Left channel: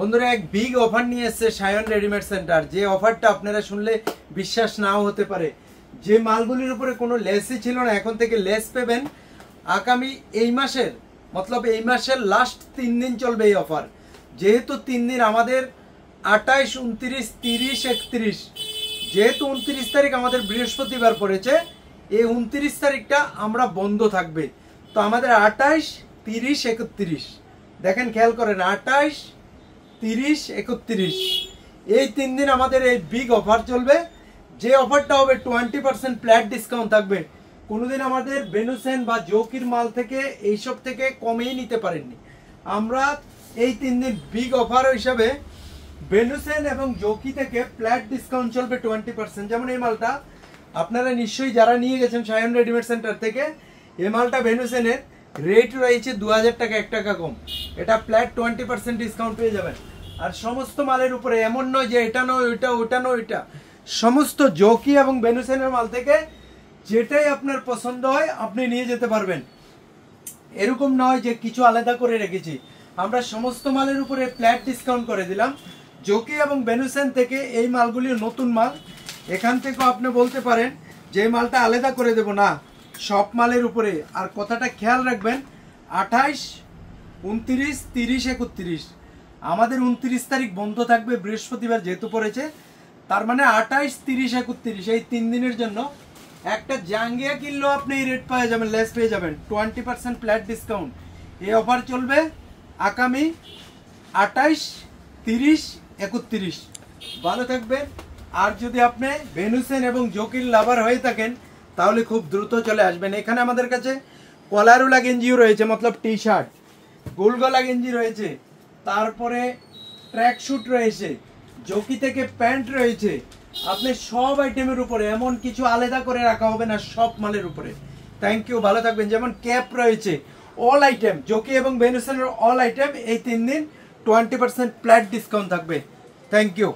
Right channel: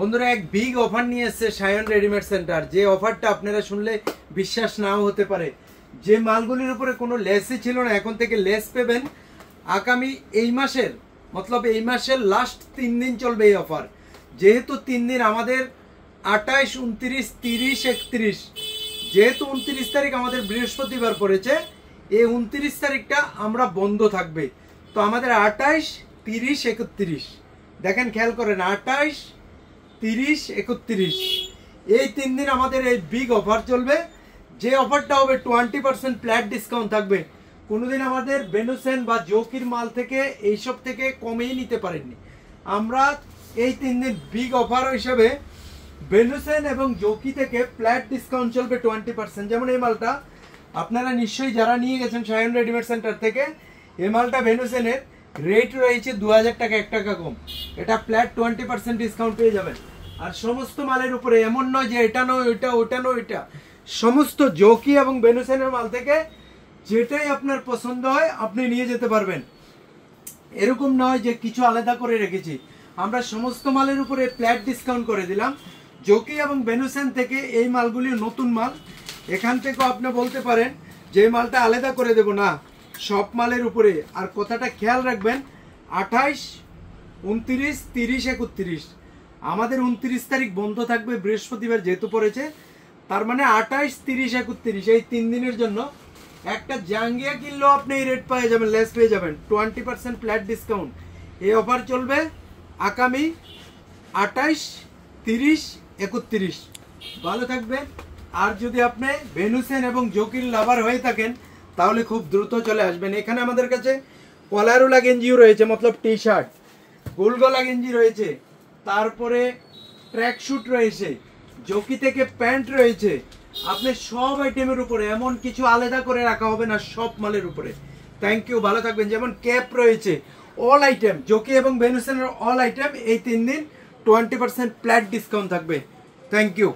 বন্ধুরা এক big offer নিয়ে এসেছে সায়ন রেডিমেড সেন্টার। যে অফারটা আপনারা শুনলে বিশ্বাস নাও হতে পারে। যে মালগুলির উপরে কোনো লেসই ছিল না, এখন থেকে লেস পাবেন। আগামী এই মাসের এই মাসের লাস্ট 3 দিন চলবে এই অফার। যেহেতু 3 দিন আমাদের 28, 29, 30, 31, যেহেতু 29 তারিখ আমাদের বৃহস্পতিবার পড়েছে, এই 29 তারিখটা আমরা বন্ধ থাকবে। তো আমাদের 28, 30, 31 দেখেন, খেয়াল করেন, 28, 30, 31 এই 3 দিন আমাদের এই বিগ অফার চলবে। যে অফারটা হবে 20% ফ্ল্যাট ডিসকাউন্ট থাকবে। কোনোদিন আমাদের বেনুসেন বা জোকির মাল থেকে এইসব থেকে কমেই নিতে পারেননি। আমরা এই 3 দিন বিগ অফার হিসাবে বেনুসেন এবং জোকি থেকে ফ্ল্যাট ডিসকাউন্ট চলবে 20%। যেমন এই মালটা আপনারা নিশ্চয়ই যারা নিয়ে গেছেন সায়ন রেডিমেড সেন্টার থেকে, এই মালটা বেনুসেনের রেট রয়েছে 2000 টাকা, 1 টাকা কম। এটা ফ্ল্যাট 20% ডিসকাউন্ট পেয়ে যাবেন। আর সমস্ত মালের উপরে এমন নয় যে এটা নয় ওইটা, ওটা নয় ওইটা, সমস্ত জোকি এবং বেনুসেনের মাল থেকে যেটাই আপনার পছন্দ হয় আপনি নিয়ে যেতে পারবেন। এরকম নয় যে কিছু আলাদা করে রেখেছি, আমরা সমস্ত মালের উপরে ফ্ল্যাট ডিসকাউন্ট করে দিলাম। জোকি এবং বেনুসেন থেকে এই মালগুলি নতুন মাল, এখান থেকেও আপনি বলতে পারেন যে মালটা আলাদা করে দেব না, সব মালের উপরে। আর কথাটা খেয়াল রাখবেন, 28, 29, 30, 31 আমাদের 29 তারিখ বন্ধ থাকবে, বৃহস্পতিবার যেহেতু পড়েছে। তার মানে 28, 30, 31 এই 3 দিনের জন্য একটা জাঙ্গিয়া কিনলেও আপনি এই রেট পেয়ে যাবেন, লেস পেয়ে যাবেন, 20% ফ্ল্যাট ডিসকাউন্ট। এই অফার চলবে আগামী 28, 30, 31। ভালো থাকবেন। আর যদি আপনি বেনুসেন এবং জোকির লাভার হয়ে থাকেন তাহলে খুব দ্রুত চলে আসবেন। এখানে আমাদের কাছে কলারওয়ালা গেঞ্জিও রয়েছে, টি শার্ট, গোল গলা গেঞ্জি রয়েছে, তারপরে ট্র্যাক স্যুট রয়েছে, জোকি থেকে প্যান্ট রয়েছে। আপনি সব আইটেমের উপরে, এমন কিছু আলাদা করে রাখা হবে না, সব মালের উপরে। থ্যাংক ইউ, ভালো থাকবেন। যেমন ক্যাপ রয়েছে, অল আইটেম জোকি এবং বেনুসেনের অল আইটেম এই 3 দিন 20% ফ্ল্যাট ডিসকাউন্ট থাকবে। Thank you.